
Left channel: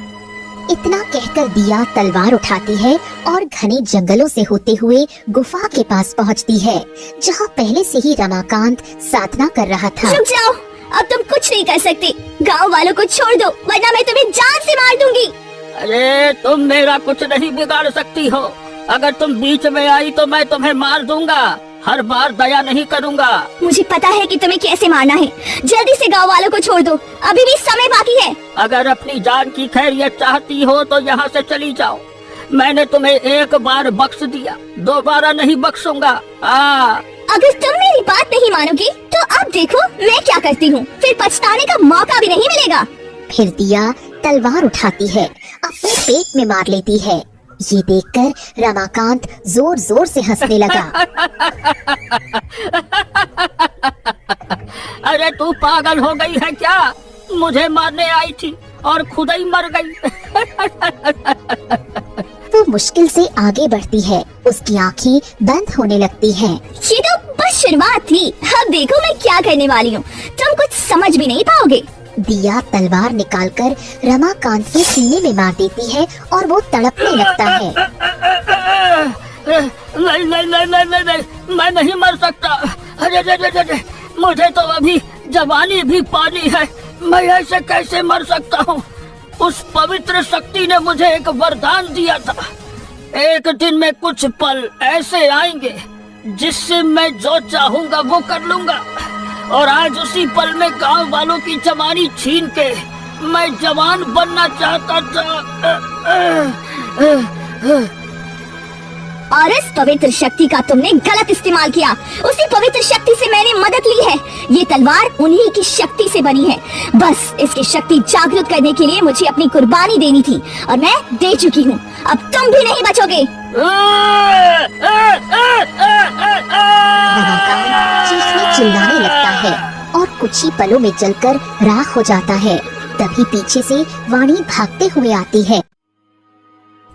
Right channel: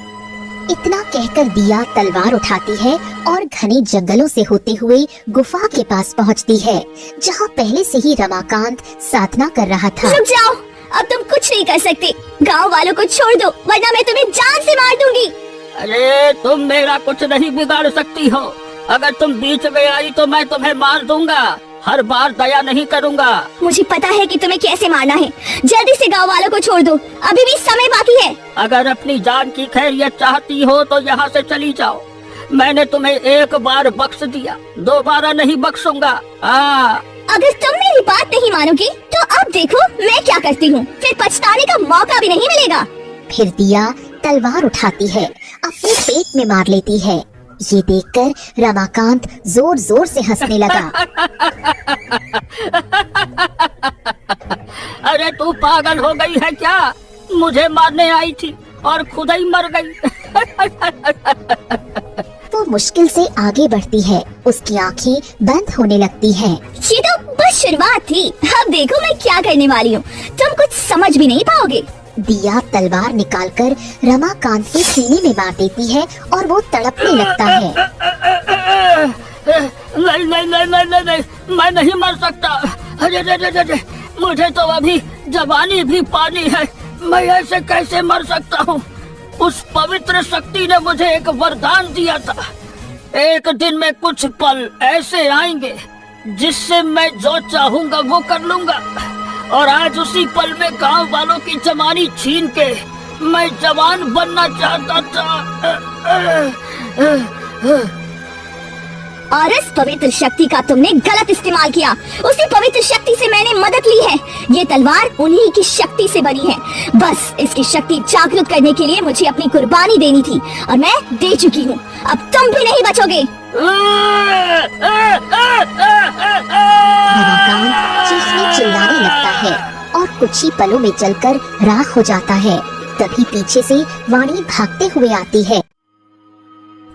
इतना कहकर दिया तलवार उठाती है और घने जंगलों से होते हुए गुफा के पास पहुंचती है, जहां पहले से ही रमाकांत साधना कर रहा था। रुक जाओ, अब तुम कुछ नहीं कर सकते। गांव वालों को छोड़ दो, वरना मैं तुम्हें जान से मार दूंगी। अरे तुम मेरा कुछ नहीं बिगाड़ सकती हो। अगर तुम बीच में आई तो मैं तुम्हें मार दूंगा। हर बार दया नहीं करूंगा। मुझे पता है कि तुम्हें कैसे मारना है। जल्दी से गांव वालों को छोड़ दो, अभी भी समय बाकी है। अगर अपनी जान की खैरियत चाहती हो तो यहाँ से चली जाओ। मैंने तुम्हें एक बार बख्श दिया, दोबारा नहीं बख्शूंगा। अगर तुम मेरी बात नहीं मानोगे तो अब देखो मैं क्या करती हूँ, फिर पछताने का मौका भी नहीं मिलेगा। फिर दिया तलवार उठाती है, अपने पेट में मार लेती है। ये देखकर रमाकांत जोर जोर से हंसने लगा। अरे तू पागल हो गई है क्या? मुझे मारने आई थी और खुद ही मर गई। वो मुश्किल से आगे बढ़ती है, उसकी आंखें बंद होने लगती हैं। ये तो बस शुरुआत थी, अब देखो मैं क्या करने वाली हूँ, तुम कुछ समझ भी नहीं पाओगे। दिया तलवार निकालकर रमाकांत के सीने में मार देती है और वो तड़पने लगता है। नहीं नहीं नहीं नहीं नहीं नहीं, मैं नहीं मर सकता। अरे मुझे तो अभी जवानी भी पानी है, मैं ऐसे कैसे मर सकता हूँ? उस पवित्र शक्ति ने मुझे एक वरदान दिया था। एक दिन में कुछ पल ऐसे आएंगे जिससे मैं जो चाहूंगा वो कर लूंगा। और आज उसी पल में गांव वालों की जवानी छीन के मैं जवान बनना चाहता था। और इस पवित्र शक्ति का तुमने गलत इस्तेमाल किया। उसी पवित्र शक्ति से मैंने मदद ली है। ये तलवार उन्हीं की शक्ति से बनी है। बस इसकी शक्ति जागृत करने के लिए मुझे अपनी कुर्बानी देनी थी और मैं दे चुकी हूँ। अब तुम भी नहीं बचोगे। रमाकांत चीखने चिल्लाने लगता है और कुछ ही पलों में जलकर राख हो जाता है। तभी पीछे से वाणी भागते हुए आती है।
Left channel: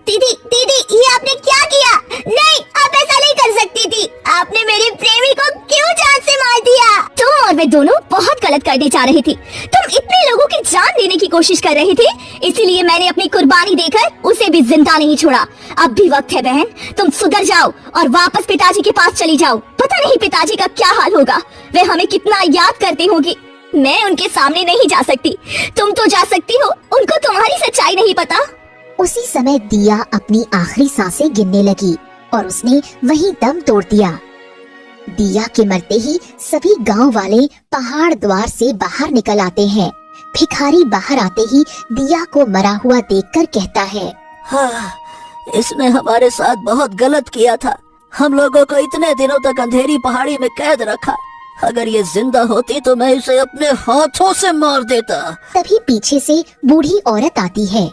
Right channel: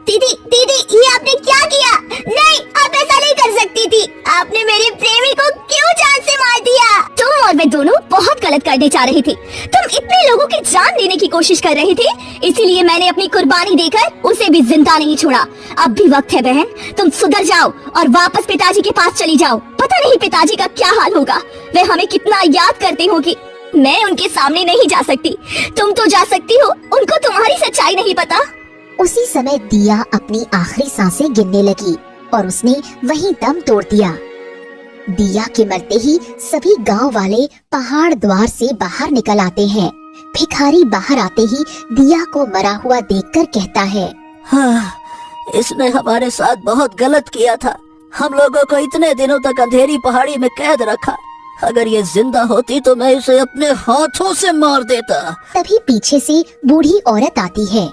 दीदी दीदी, ये आपने क्या किया? नहीं, आप ऐसा नहीं कर सकती थी। आपने मेरे प्रेमी को क्यों जान से मार दिया? तुम और मैं दोनों बहुत गलत करने जा रही थी। तुम इतने लोगों की जान लेने की कोशिश कर रहे थे, इसीलिए मैंने अपनी कुर्बानी देकर उसे भी जिंदा नहीं छोड़ा। अब भी वक्त है बहन, तुम सुधर जाओ और वापस पिताजी के पास चली जाओ। पता नहीं पिताजी का क्या हाल होगा, वे हमें कितना याद करती होंगी। मैं उनके सामने नहीं जा सकती, तुम तो जा सकती हो। उनको तुम्हारी सच्चाई नहीं पता। उसी समय दिया अपनी आखिरी सांसें गिनने लगी और उसने वहीं दम तोड़ दिया। दिया के मरते ही सभी गांव वाले पहाड़ द्वार से बाहर निकल आते हैं। भिखारी बाहर आते ही दिया को मरा हुआ देखकर कहता है, हाँ, इसने हमारे साथ बहुत गलत किया था। हम लोगों को इतने दिनों तक अंधेरी पहाड़ी में कैद रखा। अगर ये जिंदा होती तो मैं इसे अपने हाथों से मार देता। तभी पीछे से बूढ़ी औरत आती है।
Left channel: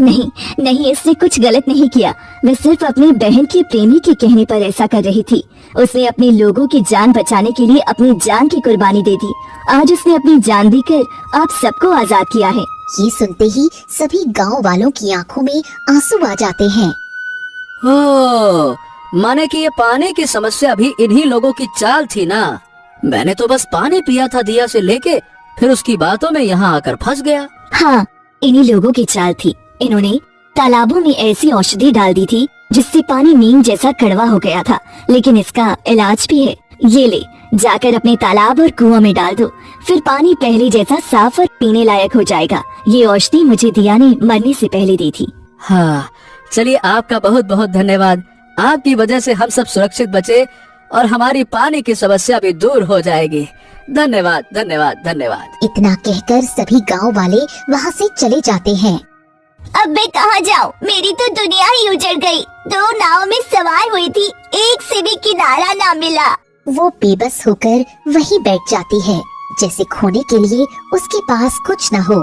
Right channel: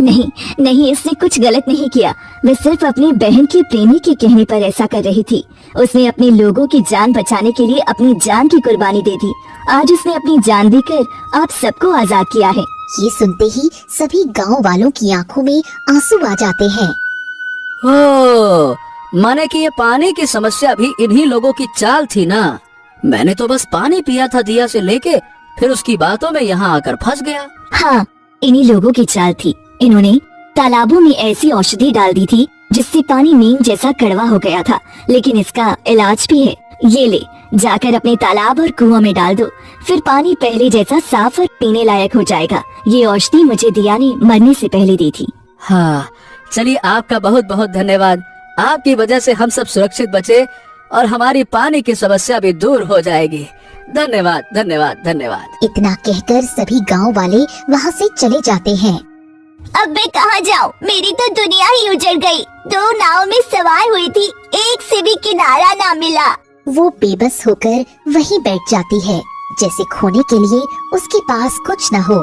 नहीं नहीं, इसने कुछ गलत नहीं किया। मैं सिर्फ अपनी बहन के प्रेमी के कहने पर ऐसा कर रही थी। उसने अपने लोगों की जान बचाने के लिए अपनी जान की कुर्बानी दे दी। आज उसने अपनी जान देकर आप सबको आजाद किया है। ये सुनते ही सभी गांव वालों की आंखों में आंसू आ जाते हैं। ओह, माने कि ये पानी की समस्या भी इन्हीं लोगों की चाल थी ना। मैंने तो बस पानी पिया था दिया से लेके, फिर उसकी बातों में यहाँ आकर फंस गया। हाँ, इन्हीं लोगों की चाल थी। इन्होंने तालाबों में ऐसी औषधि डाल दी थी जिससे पानी नीम जैसा कड़वा हो गया था, लेकिन इसका इलाज भी है। ये ले, जाकर अपने तालाब और कुआं में डाल दो, फिर पानी पहले जैसा साफ और पीने लायक हो जाएगा। ये औषधि मुझे दिया ने मरने से पहले दी थी। हाँ, चलिए आपका बहुत बहुत धन्यवाद। आपकी वजह से हम सब सुरक्षित बचे और हमारी पानी की समस्या भी दूर हो जाएगी। धन्यवाद धन्यवाद धन्यवाद। इतना कहकर सभी गांव वाले वहाँ से चले जाते हैं। अब मैं कहाँ जाऊँ? मेरी तो दुनिया ही उजड़ गई। 2 नाव में सवार हुई थी, एक से भी किनारा ना मिला। वो बेबस होकर वहीं बैठ जाती है, जैसे खोने के लिए उसके पास कुछ न हो।